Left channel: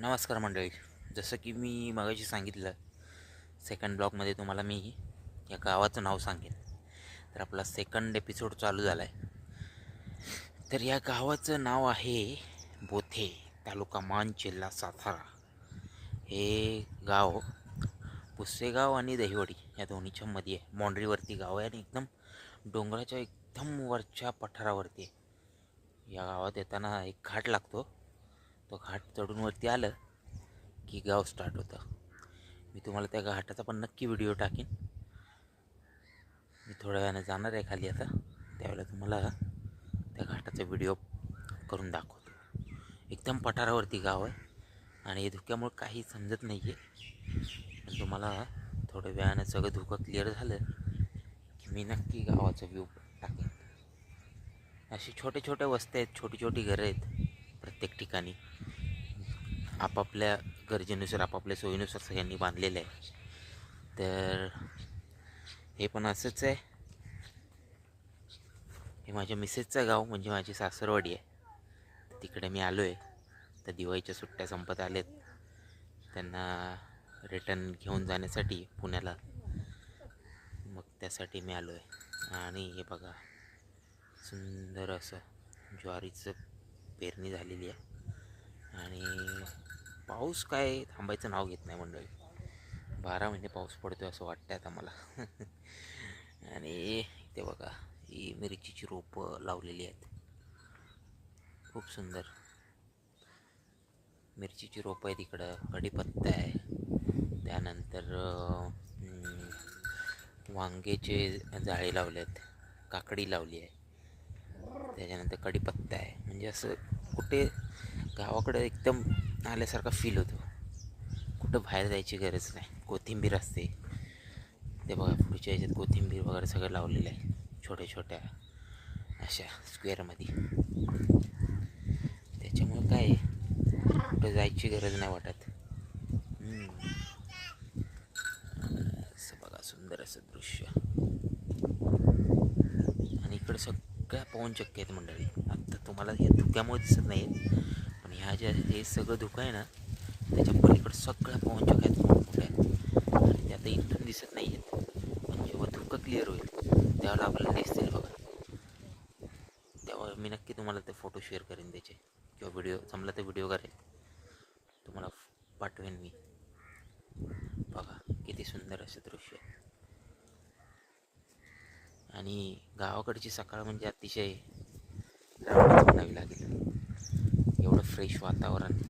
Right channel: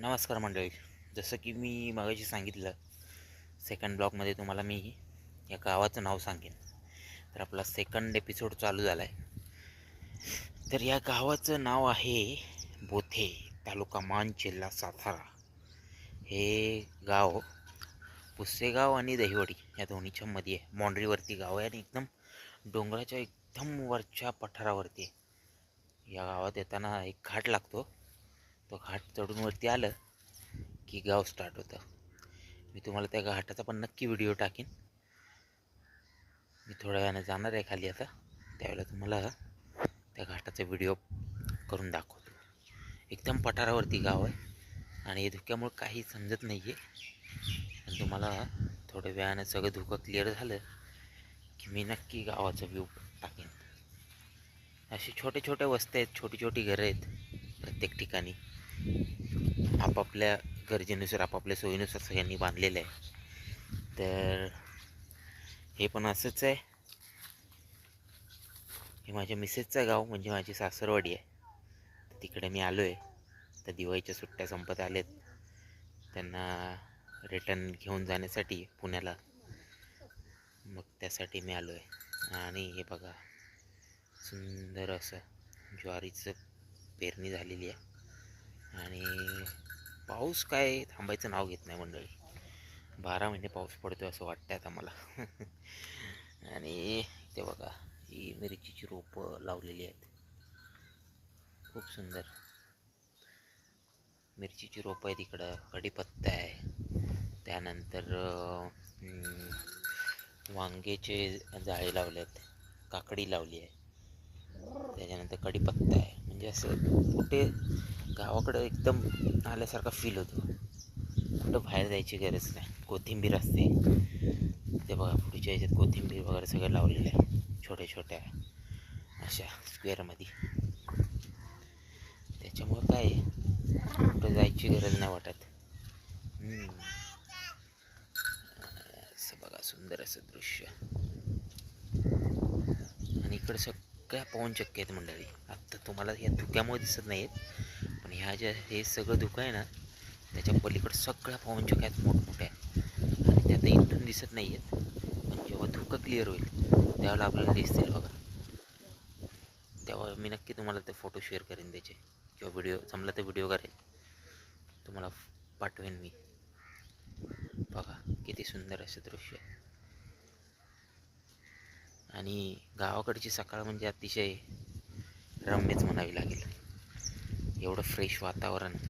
नमस्कार मंडळी. जसं की मी मगाशी सांगितलं, सेकंड ब्लॉगमध्ये तुम्हाला मी या गावाचं नाव सांगेन. तर आपला सेकंड एपिसोड चालू झाला आहे. तर या गावाचं नाव आहे बोथे, तालुका मान, जिल्हा सातारा. हे गाव पुसेगाव आणि दहिवडी या दोन्हीच्या मध्ये आहे. बाँड्रीवरती गाव आहे आणि एकदम डोंगराच्या एकदम वरच्या पठारावरती आहे. या गावात येताना एक घाट लागतो. तो घाट चढून वरती आलं की गाव स्टार्ट होतं. मी तुम्हाला त्या घाटाचा पण नक्की व्हिडिओ टाकीन. मी थोड्या वेळाने जाणार आहे खाली आता, त्यावेळेला तुम्हाला त्या घाटाचा व्हिडिओ करून दाखवतो. एकदम पठारावरती गाव आहे आणि धुक्यामुळे काही समजत नाही आहे. पण तुम्हाला थोड्या वेळाने सगळं धुकं क्लिअर झालं की मी नक्की गावाचा व्ह्यू टाकेन. अशी छोटे छोटे वस्त्या आहेत, छोटी छोटी घरं आहेत प्रत्येक ठिकाणी. आपापल्या गरजेनुसार, आपापल्या सोयीनुसार सगळ्यांनी बांधलेलं आहे. तर हे पण असंच आहे. हे माझ्या मिसेसचं गाव, म्हणजे माझी सासरवाडी आहे. तर तिकडे मी आलो आहे. तर दिवाळीच्या सुट्ट्या संपत आलेत, त्यांना रिटर्न घेऊन जाण्यासाठी पुण्याला. मग त्यासाठी मी आलो आहे. आणि हे बघा, सुंदर असं ज्वारीचं पेरणी झालेली आहे. आणि पाऊस काय थांबायचं नाव घेत नाही मंडळी. 12 महिने पाऊस पडतो असं वाटतं आता मला. आणि इथे बघा, ही मिरचीची रोपं लावलेली आहेत. खूप सुंदर मिरचीची रोपं आहे. तिकडं कढीपत्ता आहे. त्यानंतर वांग्याचे जाळे लावले आहेत, काकडी लावली आहे. त्याच्यानंतर कढीपत्ता आहे. म्हणजे असं कुठे गावाकडं एकदम आल्यासारखा फील होतो. कुठं बाहेर जायची गरज नाही. कोथिंबीर असते ते बघा, पुढच्या ह्याच्यात कोथिंबीर वगैरे सगळं लावलेलं आहे, छोट्या छोट्या अशा स्क्वेअरमध्ये. त्याच्यामुळं काय कुठं जायची गरज नाही वाटत. असं बघा, सुंदर असं दृश्य. आणि इकडं सगळ्या पवनचक्क्या आहेत मंडळी. आत्ता तुम्हाला या धुक्यामुळे दिसत नाही आहेत, पण ह्या ज्या हे सगळं धुकं आहे ना, त्याच्या पलीकडं सगळ्या पवनचक्क्या आहेत, मोठमोठ्या. आणि त्या आता इथून दिसत नाही आहेत, पण जेव्हा धुकं क्लिअर होईल त्यावेळेला आपल्याला दिसतील बघा. तेव्हा मी नक्की तुम्हाला ते फोटो शेअर करेन त्याचे, किंवा व्हिडिओ जमला तर व्हिडिओ करेन, तुम्हाला पाठवेन मी. बघा किती सुंदर असं दृश्य आहे. आणि गावाकडची सकाळ म्हणजे अतिशय रमणीच म्हणावी लागेल. एवढं फ्रेश वातावरण,